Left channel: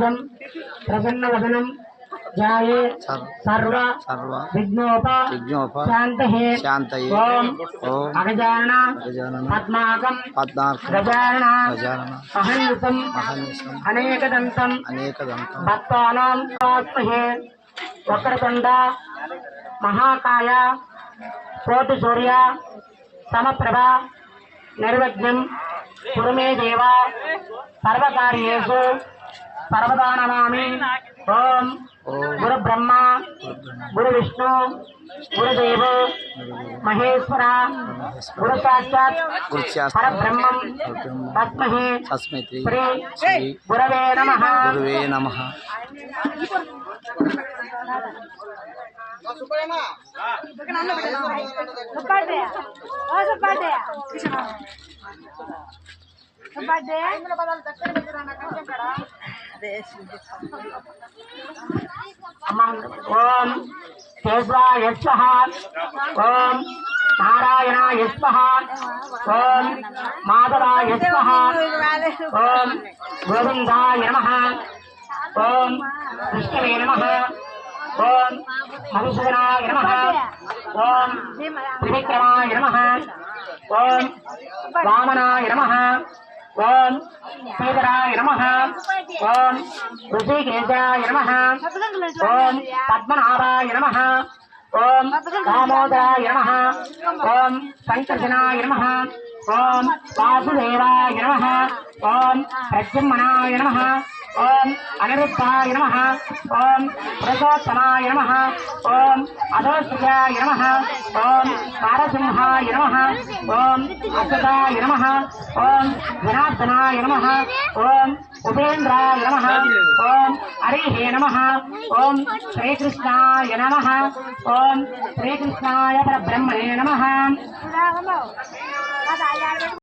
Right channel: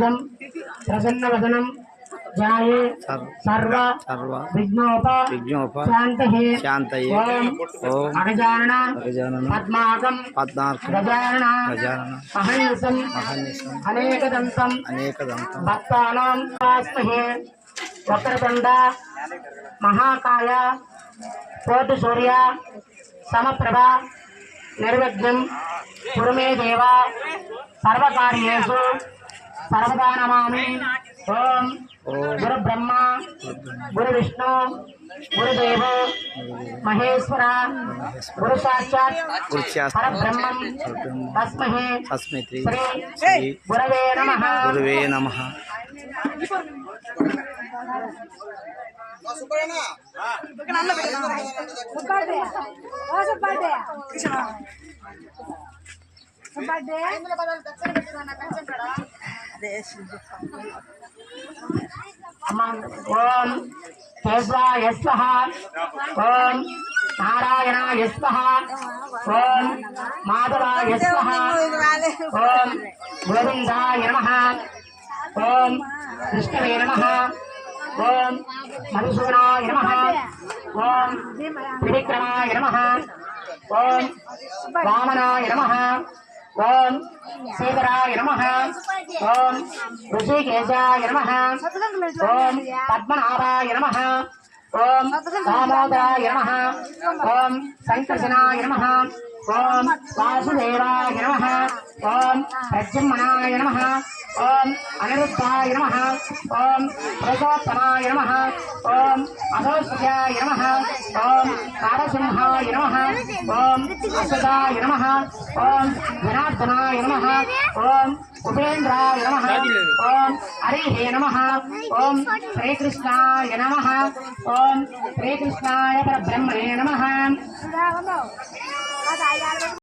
सर्वाभुजं प्रसन्नवदनं ध्याये सर्व विघ्नोप शान्तये ओम अगजानन पद्माकं गजानन अहर्निशं अनेकदन्तं भक्तानां स्वास्महे वक्रतुण्ड महाकाय कोटिसूर्य समप्रभा निर्विघ्नं कुरु मे देव सर्वकार्येषु सर्वदा नमामि। ओम गुरु ब्रह्मा गुरु विष्णु गुरुदेव महेश्वर गुरु साक्षात् परब्रह्मं तस्मै श्री गुरवे नमः। ओम केशवाय स्वाहा ओम नारायणाय स्वाहा ओम माधवाय स्वाहा ओम गोविंदाय नमः ओम विष्णवे नमः ओम मधुसूदनाय नमः ओम त्रिविक्रमाय नमः ओम वामनाय नमः ओम श्रीधराय नमः ओम ऋषिकेशाय नमः ओम पद्मनाभाय नमः ओम दामोदराय नमः ओम संकर्षणाय नमः ओम वासुदेवाय नमः ओम प्रद्युम्नाय नमः ओम अनिरुद्धाय नमः ओम प्रसोत्तमाय नमः ओम अधोष्याय नमः ओम कारसिंहाय नमः ओम असदाय नमः ओम जनार्दनाय नमः ओम उपेन्द्राय नमः ओम हरिहे नमः ओम श्रीकृष्णाय नमः ओम श्रीकृष्णाय परब्रह्मणे नमः।